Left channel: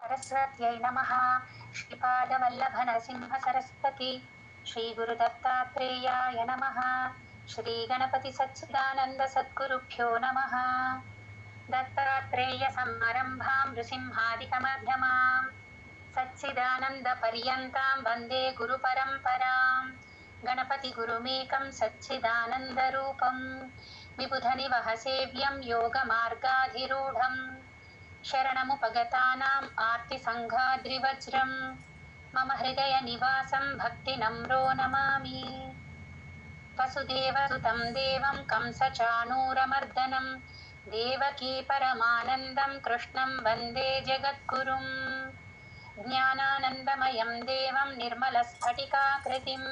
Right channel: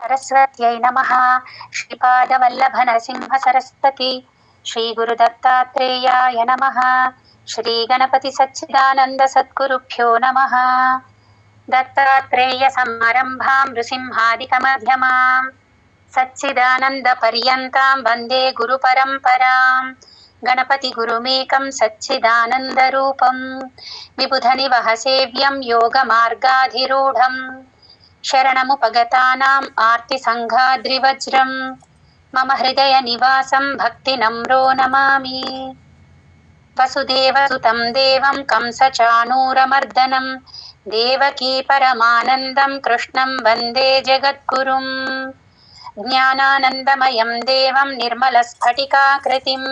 सरस्वत्यै नमः। श्रीपादवल्लभ नरसिंह सरस्वती श्रीगुरुदत्तात्रेयाय नमः। श्रीगणपति सच्चिदानन्द सद्गुरुभ्यो नमः। दत्तात्रेय समारम्भां नृसिंहादिकमध्यमाम् सच्चिदानन्दपर्यन्तां वन्दे गुरुपरम्पराम्। गणपतिगुरुमेकं सच्चिदानन्दरूपम् विबुधनिवहसेव्यं योगमार्गाधिरूढम् शरणमुपगतानाम् आर्तिसङ्घाद्रिवज्रम् मम हृदयनिवासं भक्तिनम्रो नमामि। वसुदेवसुतं देवं कंसचाणूरमर्दनं देवकी परमानन्दं कृष्णं वन्दे जगद्गुरुम्। ज्ञानानन्दमयं देवं निर्मलस्फटिकाकृतिम्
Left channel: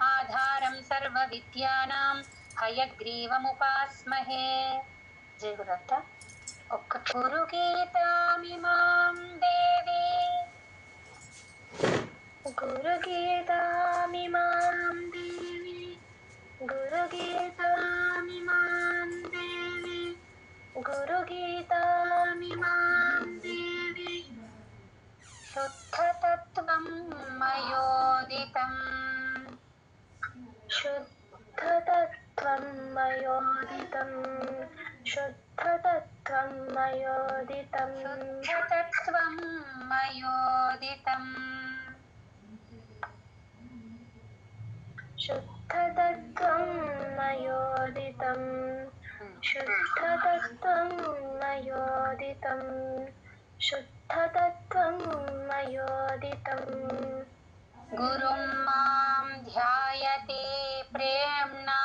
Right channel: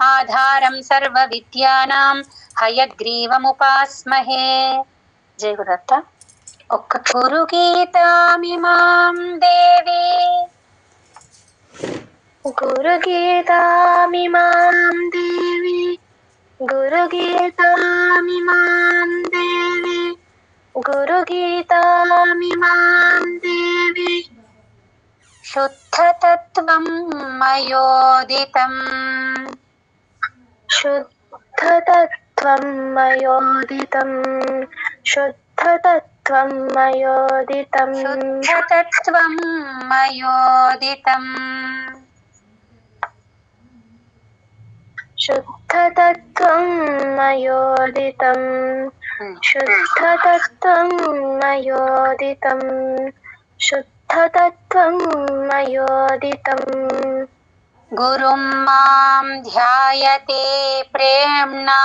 आधारं सर्वविद्यानां हयग्रीवमुपास्महे। जय गुरुदत्त। ఒక్క గురుగీతామిమాం దేవి గురుగీతామిమాం దేవి గురుగీతామిమాం దేవి గురుగీతామిమాం దేవి శుద్ధతత్వం మయోదితం శుద్ధతత్వం మయోదితం శుద్ధతత్వం మయోదితం శుద్ధతత్వం మయోదితం శుద్ధతత్వం మయోదితం శుద్ధతత్వం మయోదితం శుద్ధతత్వం మయోదితం గురుం మాం ధ్యాయతే ప్రేమ్ణా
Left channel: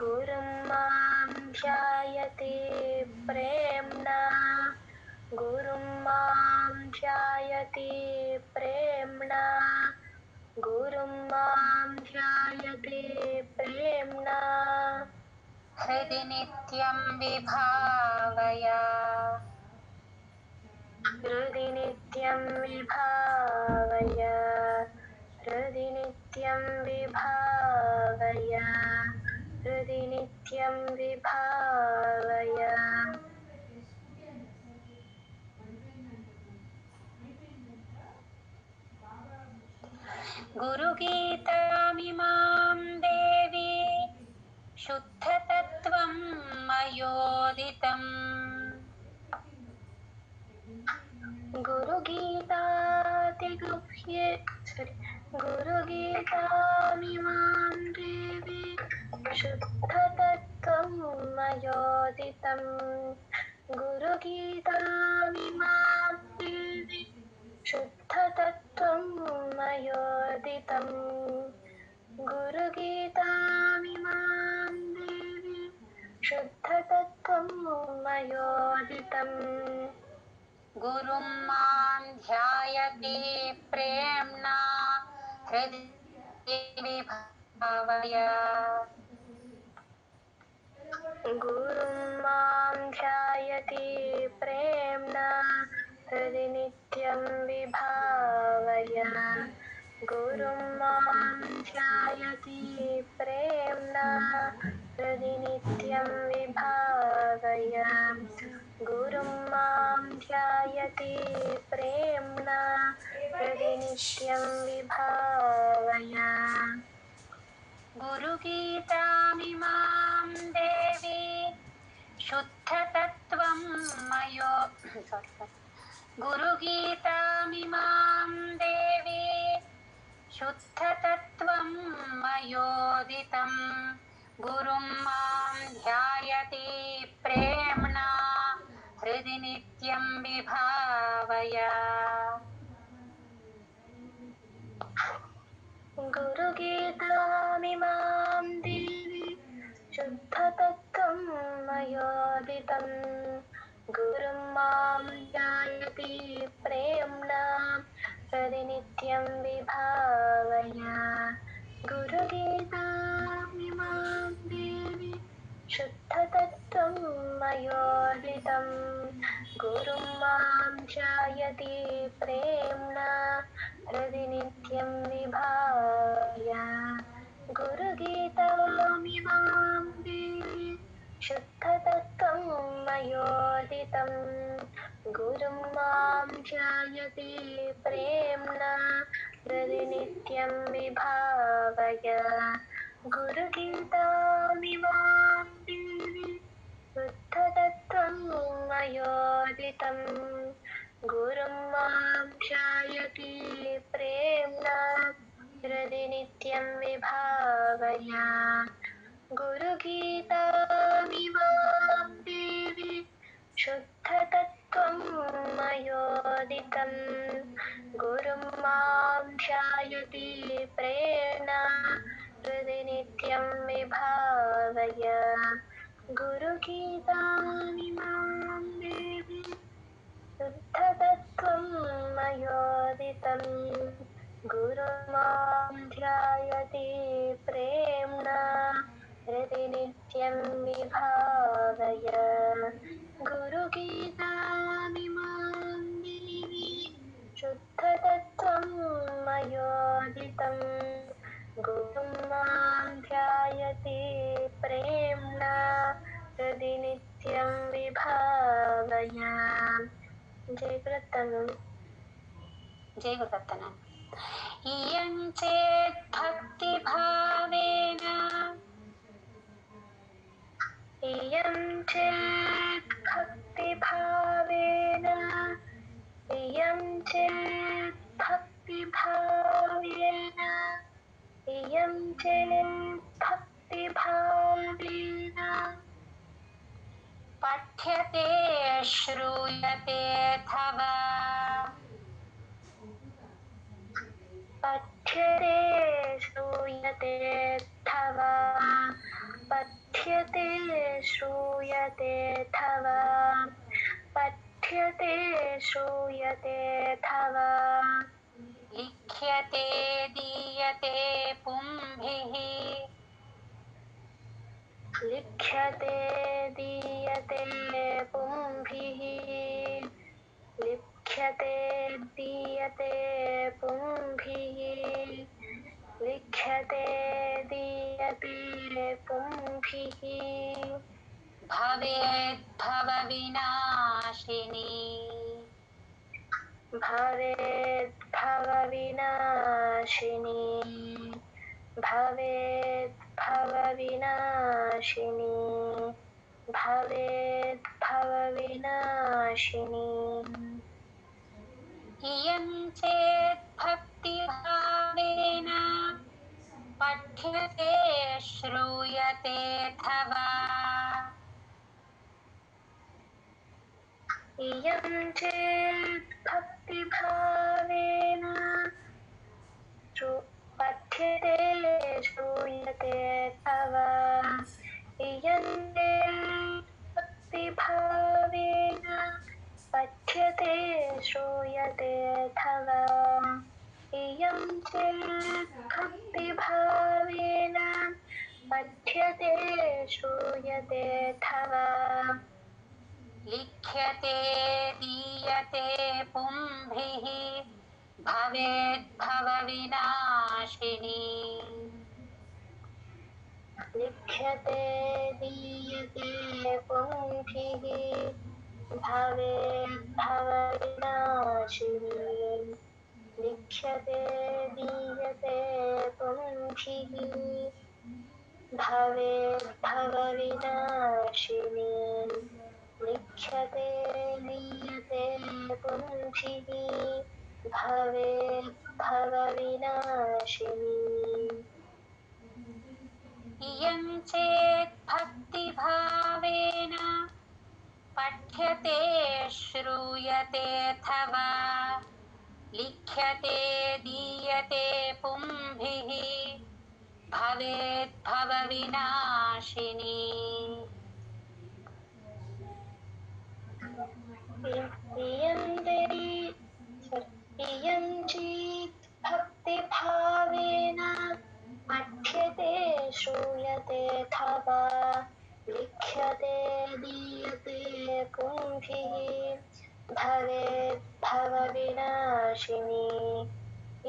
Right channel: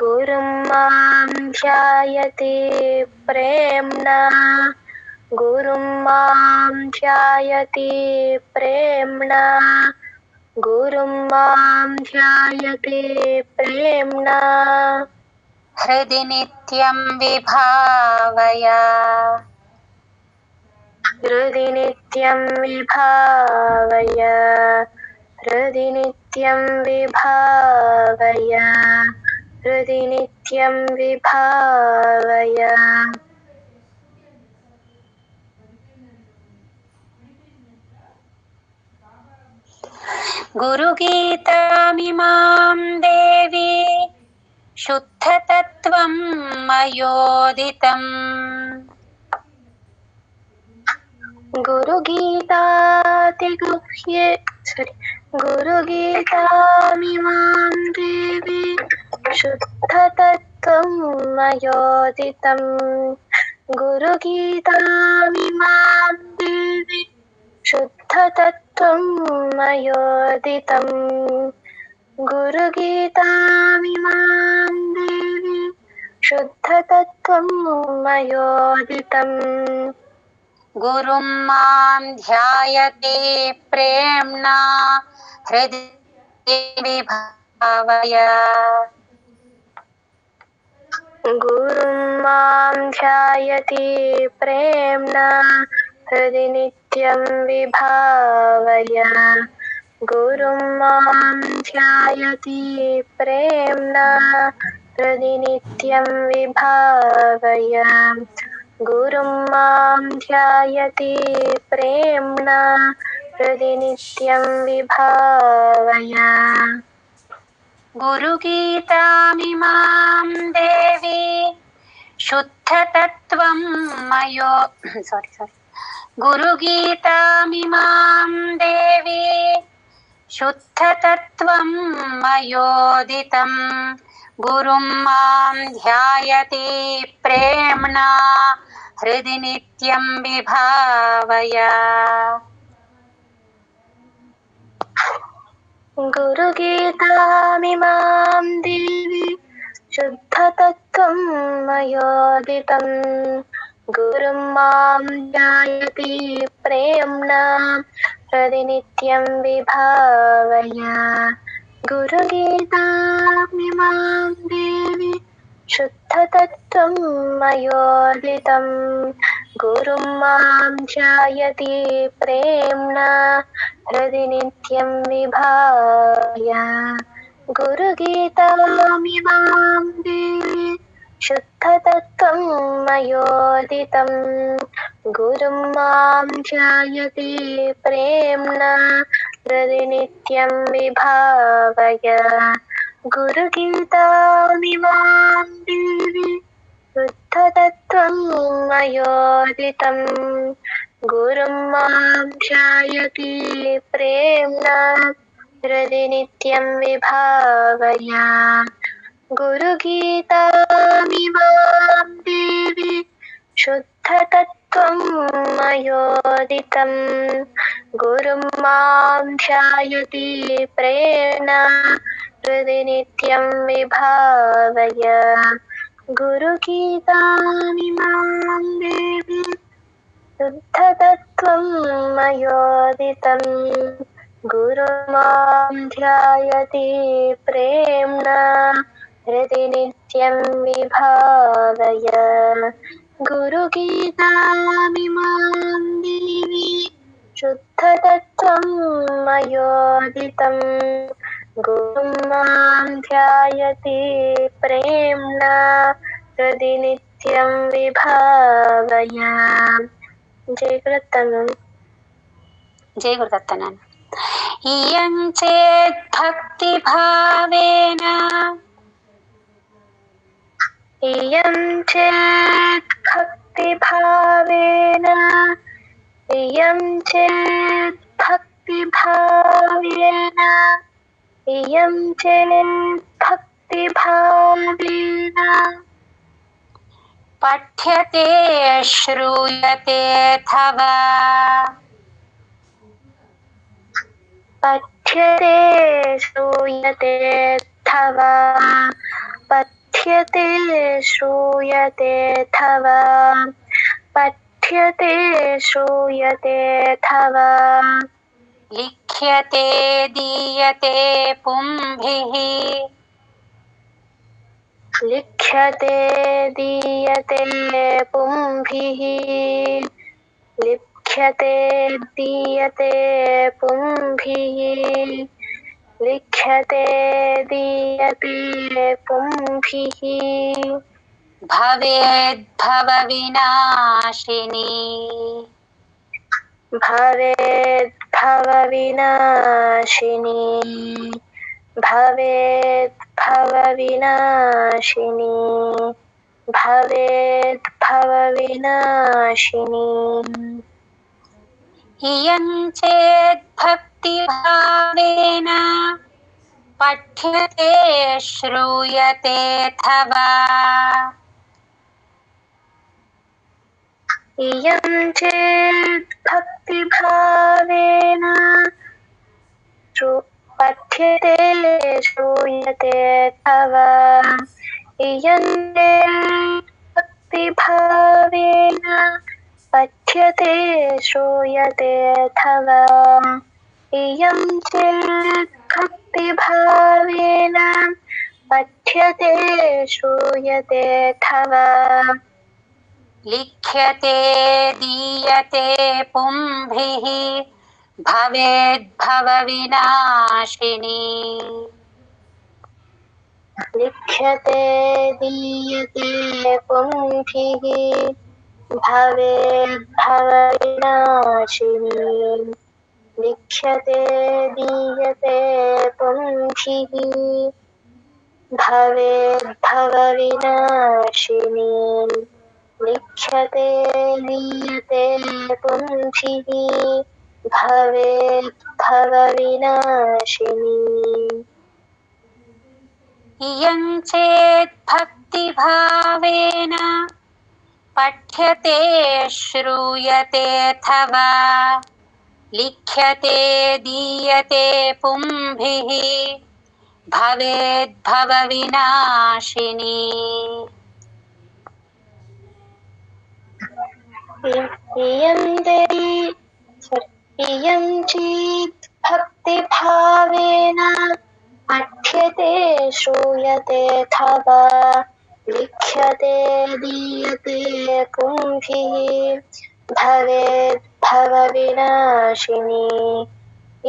గురుం మాం ధ్యాయతే ప్రేమ్ణా గురుం మాం ధ్యాయతే ప్రేమ్ణా గురుం మాం ధ్యాయతే ప్రేమ్ణా హృది నిత్యం విభావయ హృది నిత్యం విభావయ హృది నిత్యం విభావయ హృది నిత్యం విభావయ గురుగీతామిమాం దేవి శుద్ధతత్వం మయోదితం గురుగీతామిమాం దేవి శుద్ధతత్వం మయోదితం గురుగీతామిమాం దేవి శుద్ధతత్వం మయోదితం గురుగీతామిమాం దేవి శుద్ధతత్వం మయోదితం గురుం మాం ధ్యాయతే ప్రేమ్ణా హృది విభావయ గురుం మాం ధ్యాయతే ప్రేమ్ణా హృది నిత్యం విభావయ గురుం మాం ధ్యాయతే ప్రేమ్ణా హృది నిత్యం విభావయ గురుం మాం ధ్యాయతే ప్రేమ్ణా హృది నిత్యం విభావయ గురుగీతామిమాం దేవి శుద్ధతత్వం గురుగీతామిమాం దేవి శుద్ధతత్వం మయోదితం గురుం మాం ధ్యాయతే ప్రేమ్ణా హృది నిత్యం విభావయ గురుగీతామిమాం దేవి శుద్ధతత్వం మయోదితం గురుం మాం ధ్యాయతే ప్రేమ్ణా హృది నిత్యం విభావయ గురుగీతామిమాం దేవి శుద్ధతత్వం మయోదితం గురుం మాం ధ్యాయతే ప్రేమ్ణా హృది నిత్యం విభావయ గురుగీతామిమాం దేవి శుద్ధతత్వం మయోదితం गुरुं मां ध्यायते प्रेम्णा हृदि नित्यं विभावय गुरुगीतामिमां देवी शुद्धतत्त्वं मयोदितं गुरुं मां ध्यायते प्रेम्णा हृदि नित्यं विभावय गुरुगीतामिमां देवी शुद्धतत्त्वं मयोदितं गुरुं मां ध्यायते प्रेम्णा हृदि नित्यं विभावय गुरुगीतामिमां देवी शुद्धतत्त्वं मयोदितं गुरुं मां ध्यायते प्रेम्णा हृदि नित्यं विभावय गुरुगीतामिमां देवी शुद्धतत्त्वं मयोदितं गुरुं मां ध्यायते प्रेम्णा हृदि नित्यं विभावय जय गुरुदत्तनन् जय गुरुदत्तनन् इयं चेत् भक्तिभावेन इयं चेत् भक्तिभावेन इयं चेत् भक्तिभावेन इयं चेत् भक्तिभावेन पठ्यते श्रूयते अथवा पठ्यते श्रूयते अथवा पठ्यते श्रूयते अथवा पठ्यते श्रूयते अथवा लिख्यते दीयते पुंभिः लिख्यते दीयते पुंभिः लिख्यते दीयते पुंभिः लिख्यते दीयते पुंभिः भवेद्भवविनाशिनी भवेद्भवविनाशिनी भवेद्भवविनाशिनी भवेद्भवविनाशिनी इयं चेत् भक्तिभावेन पठ्यते श्रूयते अथवा इयं चेत् भक्तिभावेन पठ्यते श्रूयते अथवा इयं चेत् भक्तिभावेन पठ्यते श्रूयते अथवा इयं चेत् भक्तिभावेन पठ्यते श्रूयते अथवा लिख्यते दीयते पुंभिः भवेद्भवविनाशिनी लिख्यते दीयते पुंभिः भवेद्भवविनाशिनी लिख्यते दीयते पुंभिः भवेद्भवविनाशिनी लिख्यते दीयते पुंभिः भवेद्भवविनाशिनी इयं चेत् भक्तिभावेन पठ्यते श्रूयते अथवा लिख्यते दीयते पुंभिः भवेद्भवविनाशिनी इयं चेत् भक्तिभावेन पठ्यते श्रूयते अथवा लिख्यते दीयते पुंभिः भवेद्भवविनाशिनी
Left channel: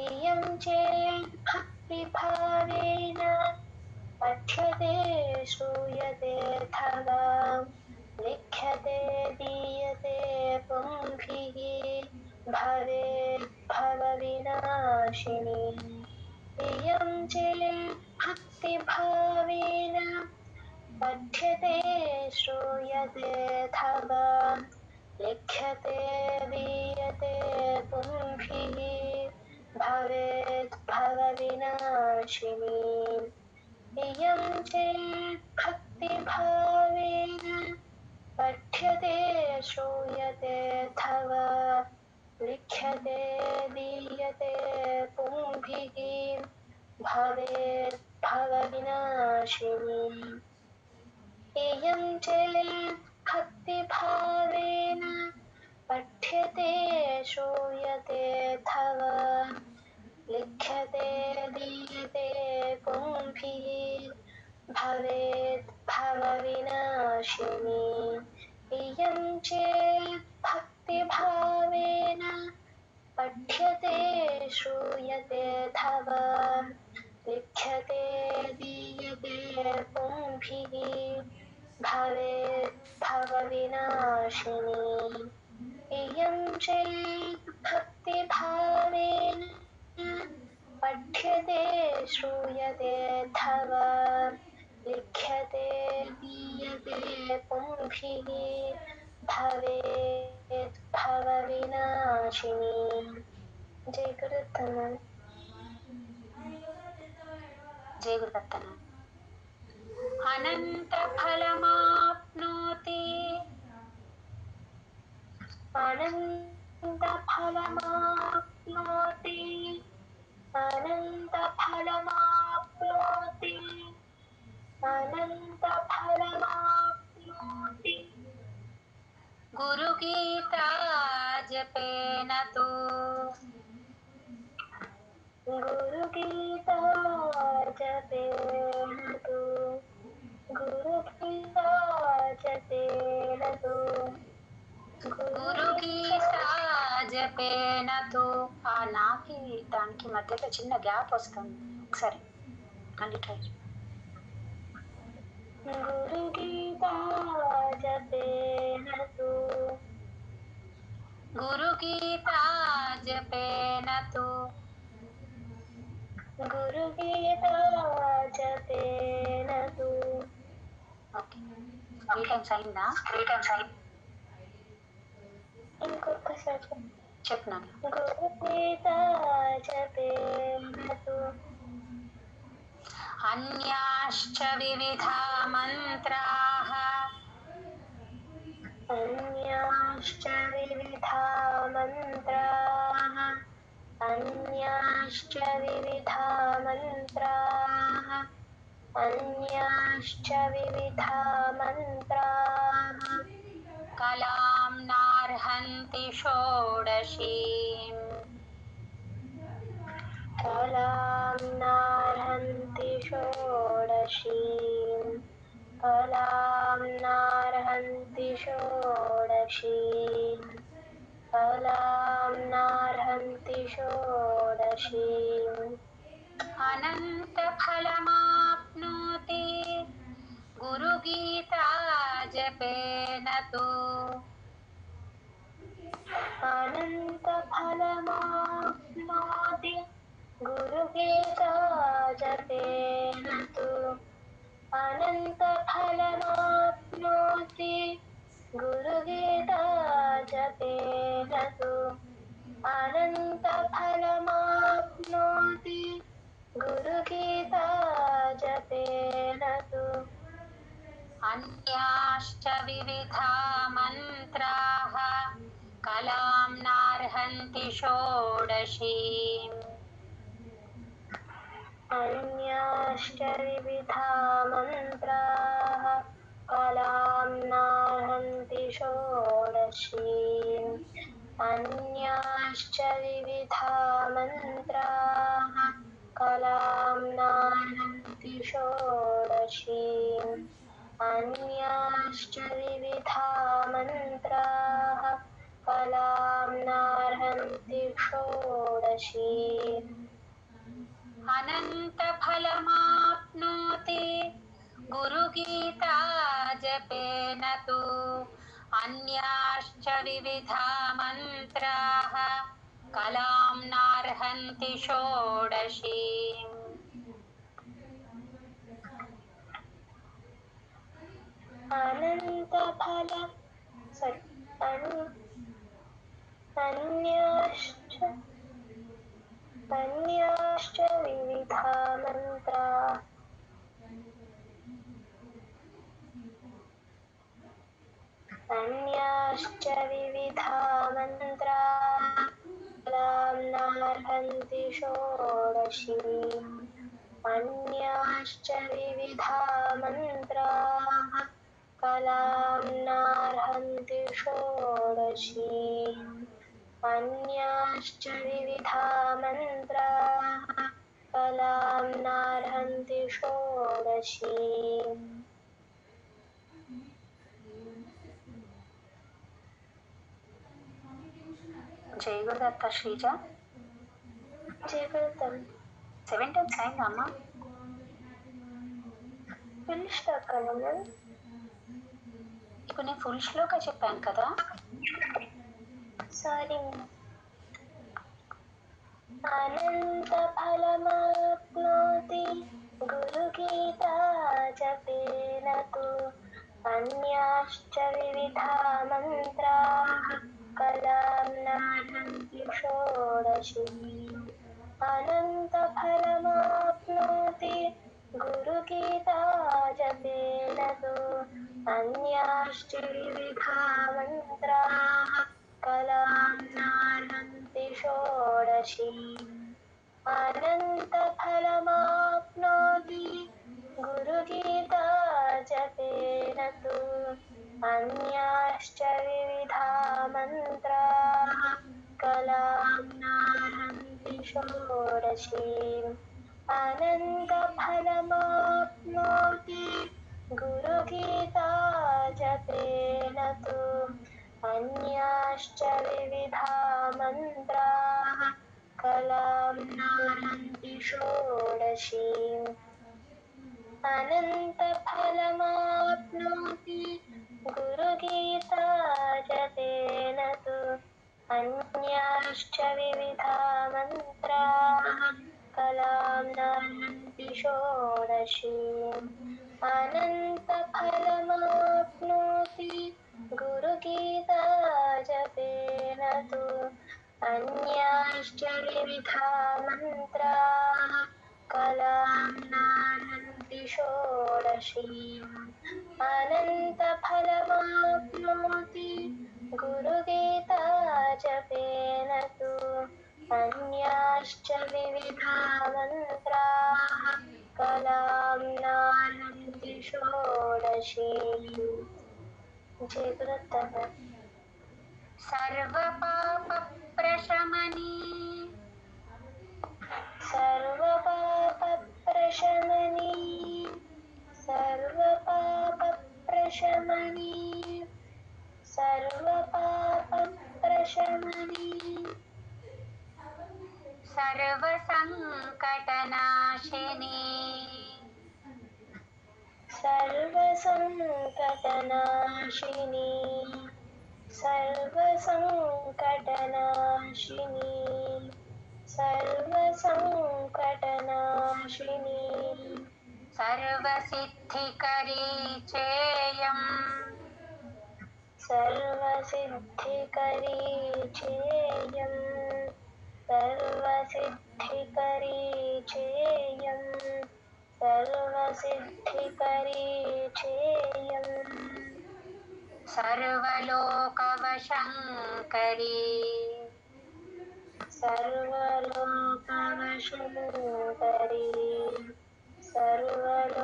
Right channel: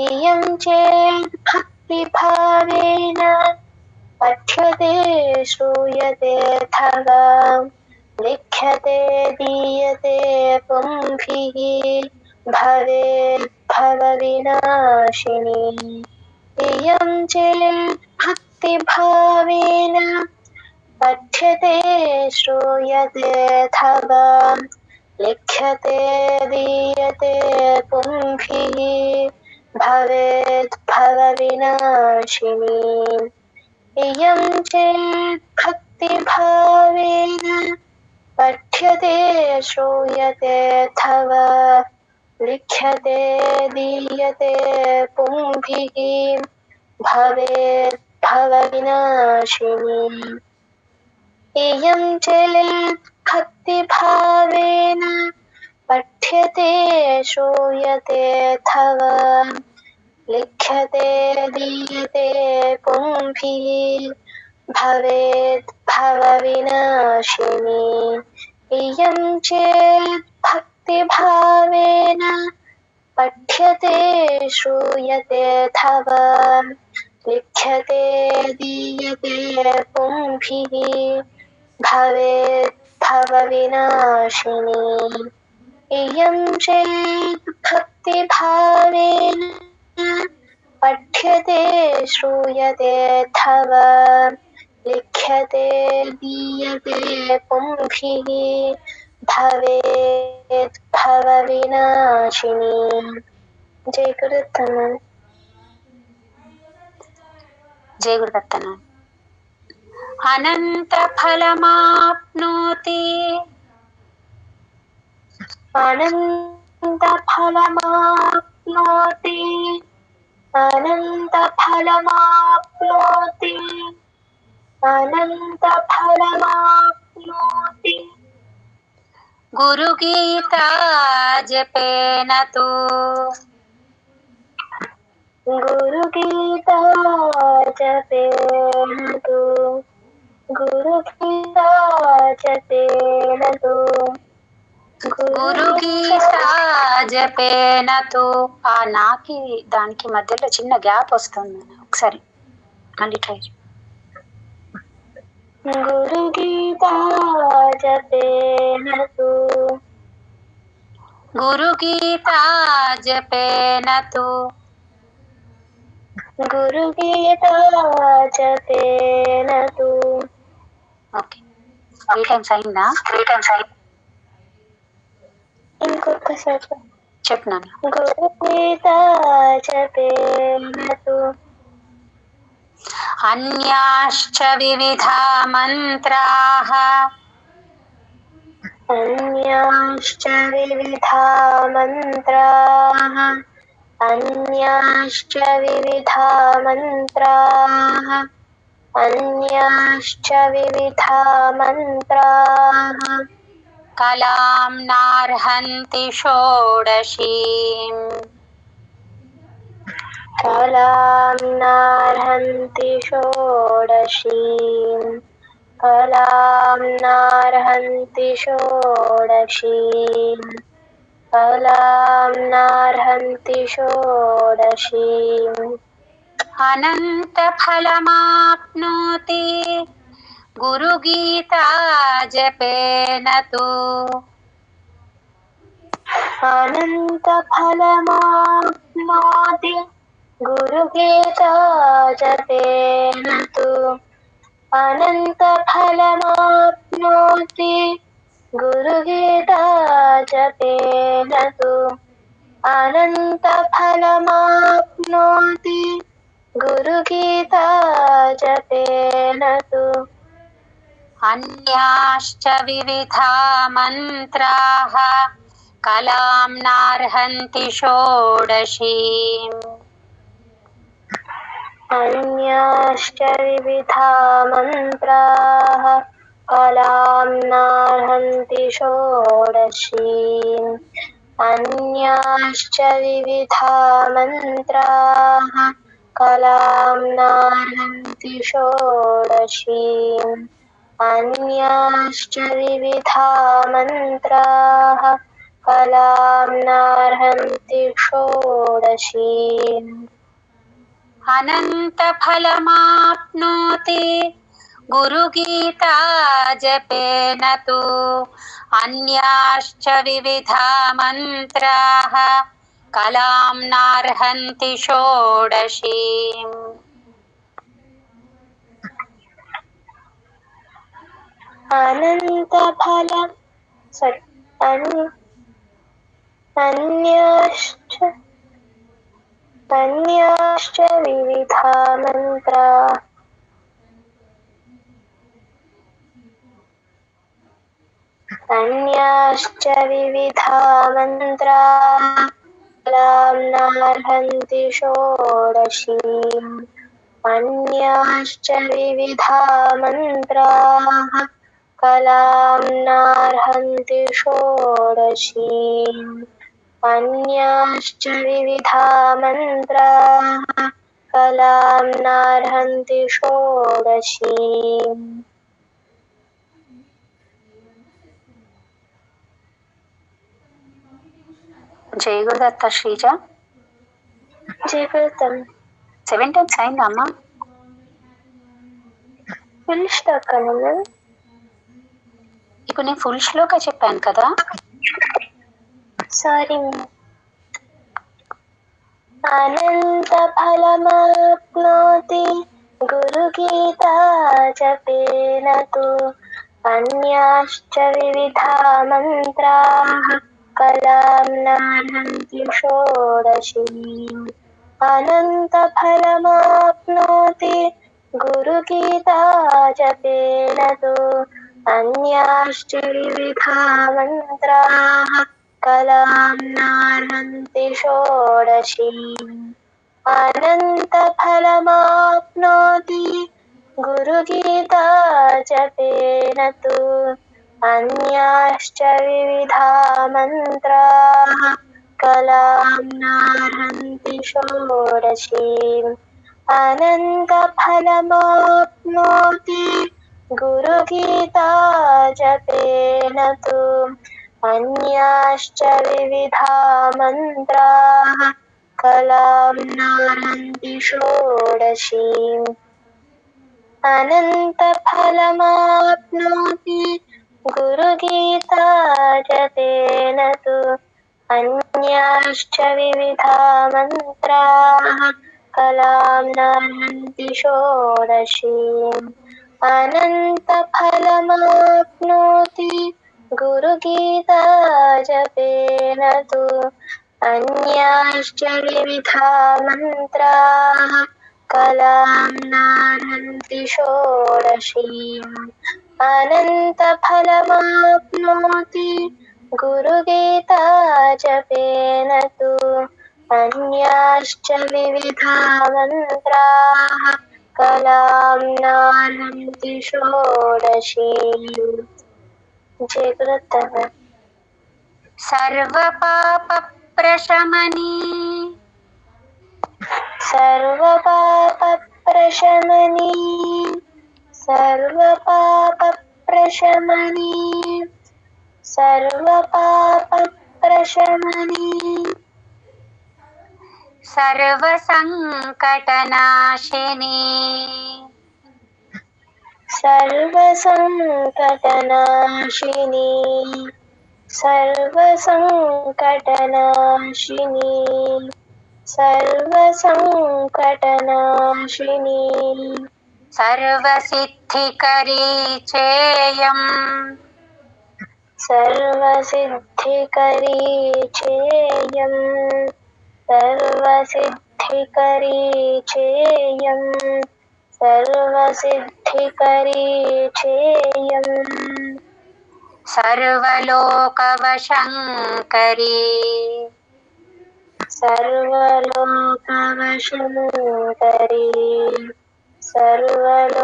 इयं चेत् भक्तिभावेन पठ्यते श्रूयते अथवा लिख्यते दीयते पुंभिः भवेत् भवविनाशिनी इयं चेत् भक्तिभावेन पठ्यते श्रूयते अथवा लिख्यते दीयते पुंभिः भवेत् भवविनाशिनी इयं चेत् भक्तिभावेन पठ्यते श्रूयते अथवा लिख्यते दीयते पुंभिः भवेत् भवविनाशिनी इयं चेत् भक्तिभावेन पठ्यते श्रूयते अथवा लिख्यते दीयते पुंभिः भवेत् भवविनाशिनी इयं चेत् भक्तिभावेन पठ्यते श्रूयते अथवा लिख्यते दीयते पुंभिः भवेत् भवविनाशिनी इयं चेत् भक्तिभावेन पठ्यते श्रूयते अथवा लिख्यते दीयते पुंभिः भवेत् भवविनाशिनी जय गुरुदत्तन जय गुरुदत्तन अनन्तफलमाप्नोति अनन्तफलमाप्नोति अनन्तफलमाप्नोति अनन्तफलमाप्नोति गुरुगीता जपेन तु गुरुगीता जपेन तु गुरुगीता जपेन तु గురుగీతా జపేన తు ఆ నాకి దానికి మధ్యలో చిన్న గ్యాప్ వస్తుంది ఒకసారి మళ్ళీ ట్రై गुरुगीता जपेन तु गुरुगीता जपेन तु गुरुगीता जपेन तु ఓకే 3 టైమ్స్ అయిందా ఇంకొకసారి చెప్పినాను गुरुगीता जपेन तु అన్యాశ్చ వివిధా మంత్రాః अन्याश्च विविधा मन्त्राः अन्याश्च विविधा मन्त्राः अन्याश्च विविधा मन्त्राः కలాం నార్హంతి షోడశీం कलां नार्हन्ति षोडशीम् कलां नार्हन्ति षोडशीम् कलां नार्हन्ति षोडशीम् अनन्तफलमाप्नोति गुरुगीता जपेन तु अनन्तफलमाप्नोति गुरुगीता जपेन तु अनन्तफलमाप्नोति गुरुगीता जपेन तु अनन्तफलमाप्नोति गुरुगीता जपेन तु अन्याश्च विविधा मन्त्राः कलां नार्हन्ति षोडशीम् अन्याश्च विविधा मन्त्राः कलां नार्हन्ति षोडशीम् अन्याश्च विविधा मन्त्राः कलां नार्हन्ति षोडशीम् अन्याश्च विविधा मन्त्राः कलां नार्हन्ति षोडशीम् अनन्तफलमाप्नोति गुरुगीता जपेन तु अन्याश्च विविधा मन्त्राः कलां नार्हन्ति षोडशीम्। अन्याश्च विविधा मन्त्राः कलां नार्हन्ति षोडशीम्। अन्याश्च विविधा मन्त्राः कलां नार्हन्ति षोडशीम्। अन्याश्च विविधा मन्त्राः कलां नार्हन्ति षोडशीम्। జై గురుదత్త శ్రీజ. జీవితం 7 times అయిందా అమ్మా? ఫుల్ స్టాక్ అన్నా. ఇప్పుడు నేను ఫుల్ శ్లోక చెప్పాను కదా. సారీ. అనంత ఫలమాప్నోతి గురుగీతా జపేన తు అన్యాశ్చ వివిధా మంత్రాః కలాం నార్హంతి షోడశీమ్. అనంత ఫలమాప్నోతి గురుగీతా జపేన తు అన్యాశ్చ వివిధా మంత్రాః కలాం నార్హంతి షోడశీమ్. అనంత ఫలమాప్నోతి గురుగీతా జపేన తు అన్యాశ్చ వివిధా మంత్రాః కలాం నార్హంతి షోడశీమ్. అనంత ఫలమాప్నోతి గురుగీతా జపేన తు అన్యాశ్చ వివిధా మంత్రాః కలాం నార్హంతి షోడశీమ్. అనంత ఫలమాప్నోతి గురుగీతా జపేన తు అన్యాశ్చ వివిధా మంత్రాః కలాం నార్హంతి షోడశీమ్. అనంత ఫలమాప్నోతి గురుగీతా జపేన తు అన్యాశ్చ వివిధా మంత్రాః కలాం నార్హంతి షోడశీమ్. అనంత ఫలమాప్నోతి గురుగీతా జపేన తు అన్యాశ్చ వివిధా మంత్రాః కలాం నార్హంతి షోడశీమ్. జయ గురుదత్త. సర్వపాపప్రశమనీ సర్వపాపప్రశమనీ సర్వపాపప్రశమనీ సర్వపాపప్రశమనీ సర్వసంకటనాశినీ సర్వసంకటనాశినీ సర్వసంకటనాశినీ సర్వసంకటనాశినీ సర్వసిద్ధికరీ చేయం సర్వసిద్ధికరీ చేయం సర్వసిద్ధికరీ చేయం సర్వసిద్ధికరీ చేయం సర్వలోకవశంకరీ సర్వలోకవశంకరీ సర్వలోకవశంకరీ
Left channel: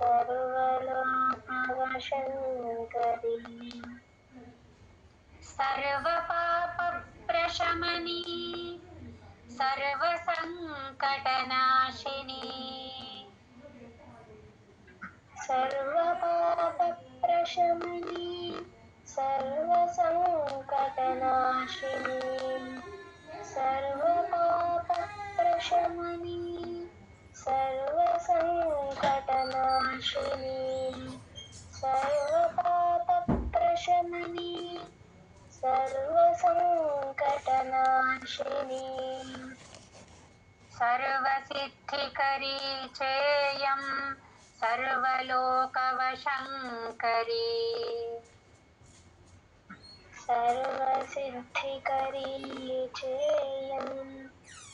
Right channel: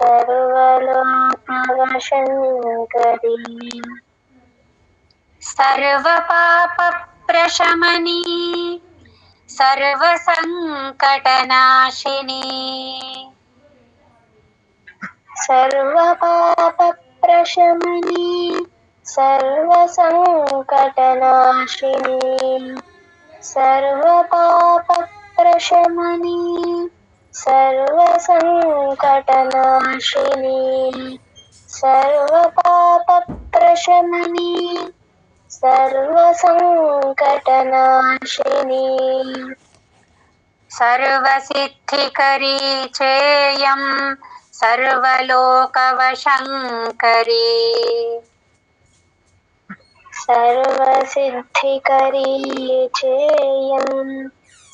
సర్వలోకవశంకరీ సర్వపాపప్రశమనీ సర్వసంకటనాశినీ సర్వపాపప్రశమనీ సర్వసంకటనాశినీ సర్వపాపప్రశమనీ सर्वसङ्कटनाशिनी सर्वपापप्रशमनी सर्वसङ्कटनाशिनी सर्वसिद्धिकरी चेयं सर्वलोकवशङ्करी सर्वसिद्धिकरी चेयं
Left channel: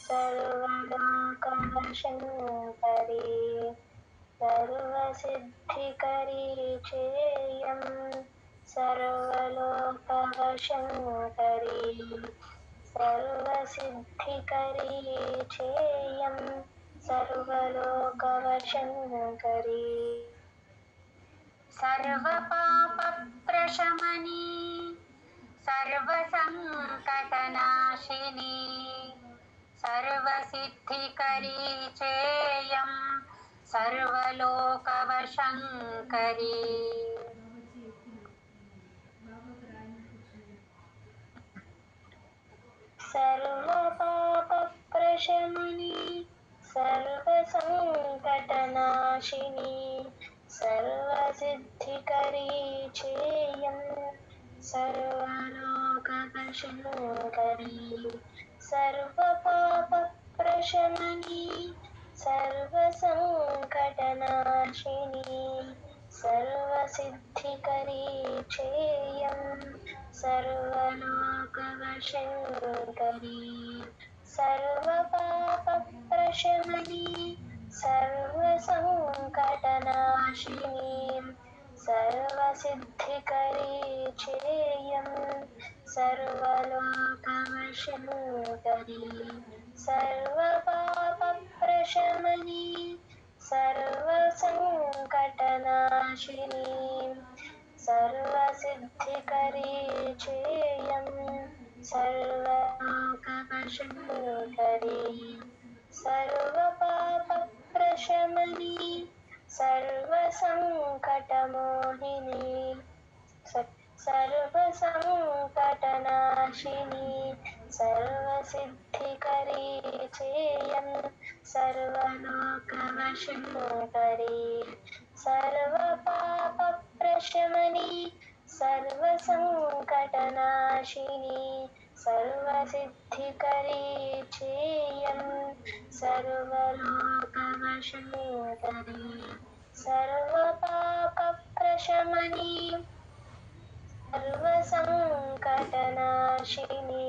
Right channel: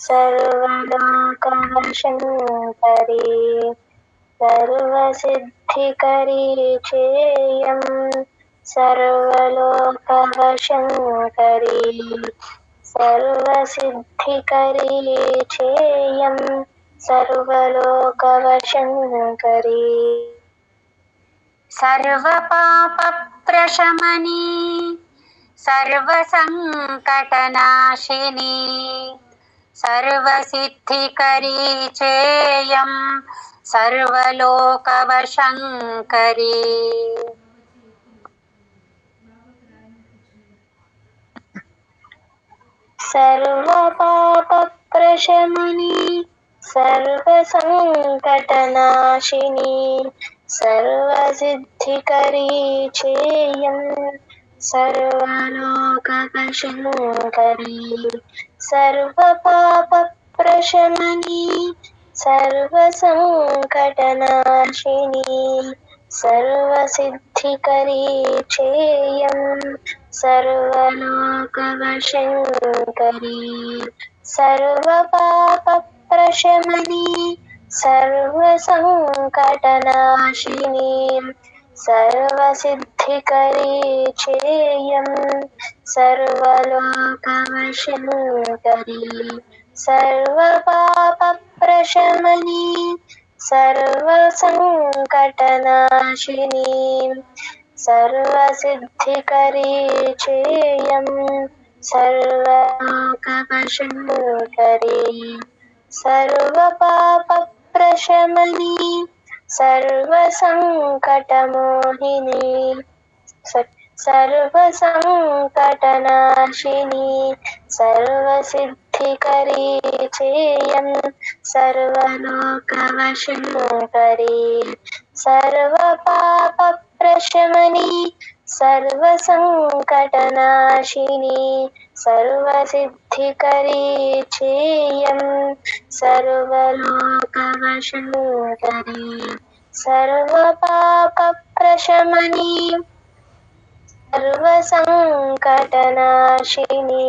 सर्वलोकवशङ्करी सर्वसिद्धिकरी चेयं सर्वलोकवशङ्करी सर्वसिद्धिकरी चेयं सर्वलोकवशङ्करी सर्वपापप्रशमनी सर्वसङ्कटनाशिनी सर्वसिद्धिकरी चेयं सर्वलोकवशङ्करी सर्वपापप्रशमनी सर्वसङ्कटनाशिनी सर्वसिद्धिकरी चेयं सर्वलोकवशङ्करी सर्वपापप्रशमनी सर्वसङ्कटनाशिनी सर्वसिद्धिकरी चेयं सर्वलोकवशङ्करी सर्वपापप्रशमनी सर्वसङ्कटनाशिनी सर्वसिद्धिकरी चेयं सर्वलोकवशङ्करी सर्वपापप्रशमनी सर्वसङ्कटनाशिनी सर्वसिद्धिकरी चेयं सर्वलोकवशङ्करी सर्वपापप्रशमनी सर्वसङ्कटमोहिनी सर्वसङ्कटनाशिनी सर्वसिद्धिकरी चेयं सर्वलोकवशङ्करी सर्वपापप्रशमनी सर्वसङ्कटनाशिनी सर्वसिद्धिकरी चेयं सर्वलोकवशङ्करी सर्वपापप्रशमनी सर्वसङ्कटनाशिनी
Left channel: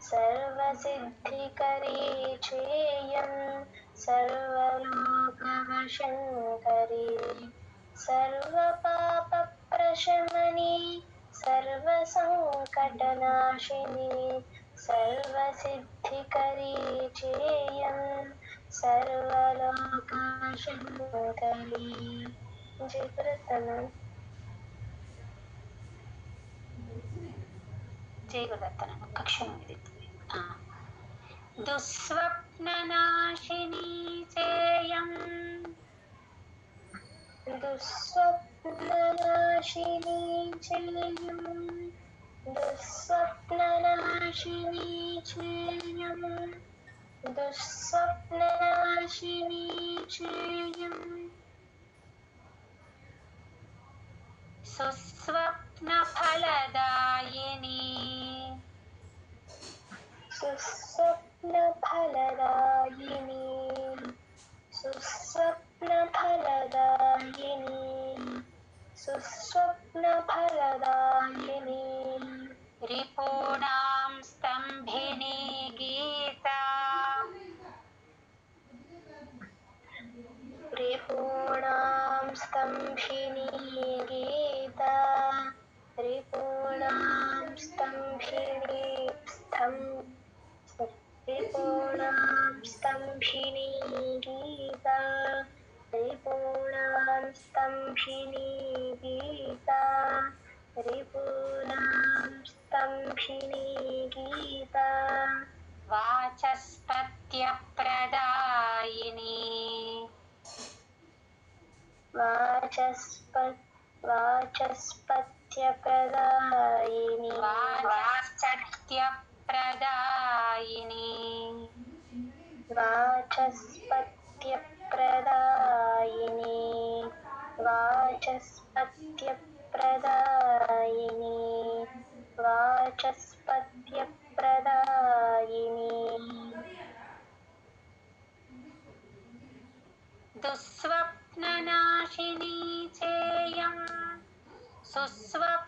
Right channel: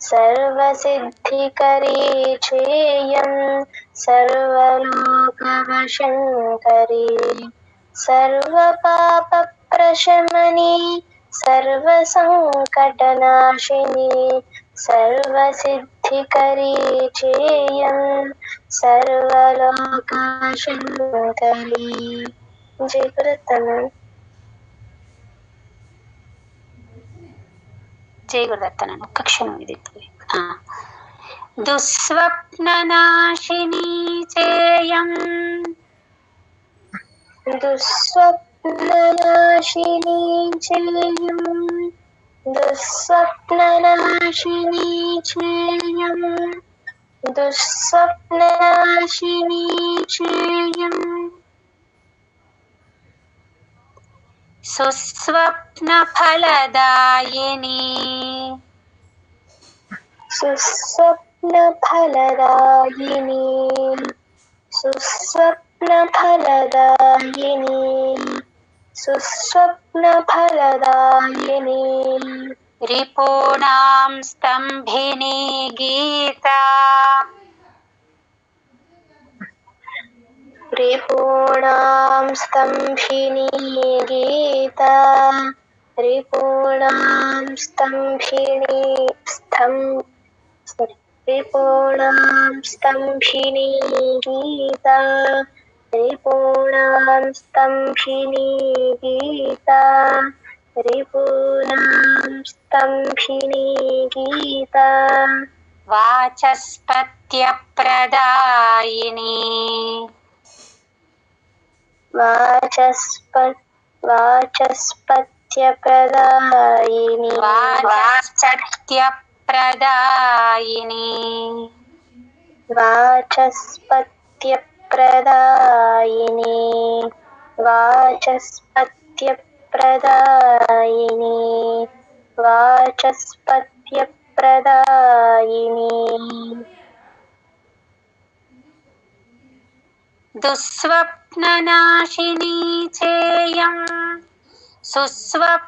सर्वसिद्धिकरी चेयं सर्वलोकवशङ्करी सर्वपापप्रशमनी सर्वसङ्कटनाशिनी सर्वसिद्धिकरी चेयं सर्वलोकवशङ्करी जय गुरुदत्तन జై గురుదత్తన ఒక్క క్షణం ఇది దుస్వప్ననాశినీ చేయం दुःस्वप्ननाशिनी चेयं दुःस्वप्ननाशिनी चेयं दुःस्वप्ननाशिनी चेयं సుస్వప్నఫలదాయిని सुस्वप्नफलदायिनी सुस्वप्नफलदायिनी सुस्वप्नफलदायिनी రిపూణాం స్తంభినీ గీతా रिपूणां स्तम्भिनी गीता रिपूणां स्तम्भिनी रिपूणां स्तम्भिनी गीता रिपूणां स्तम्भिनी गीता रिपूणां स्तम्भिनी गीता వాచస్పత్యప్రదాయిని वाचस्पत्यप्रदायिनी వాచస్పత్యప్రదాయిని वाचस्पत्यप्रदायिनी वाचस्पत्यप्रदायिनी वाचस्पत्यप्रदायिनी वाचस्पत्यप्रदायिनी दुःस्वप्ननाशिनी चेयं सुस्वप्नफलदायिनी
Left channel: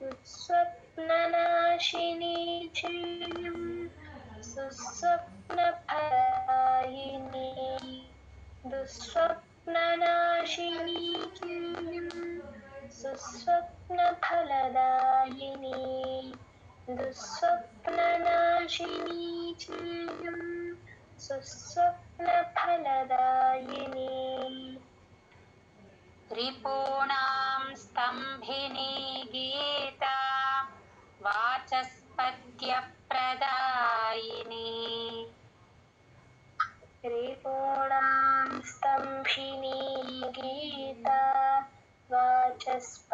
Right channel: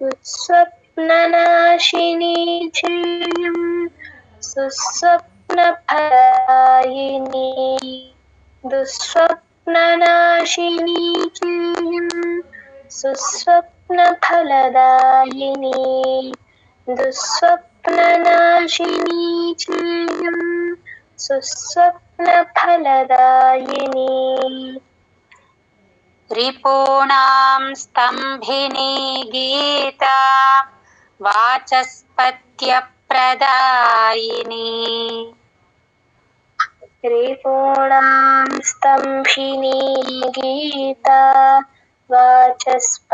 दुःस्वप्ननाशिनी चेयं सुस्वप्नफलदायिनी दुःस्वप्ननाशिनी चेयं सुस्वप्नफलदायिनी दुःस्वप्ननाशिनी चेयं सुस्वप्नफलदायिनी रिपूणां स्तम्भिनी गीता वाचस्पत्यप्रदायिनी रिपूणां स्तम्भिनी गीता वाचस्पत्यप्रदायिनी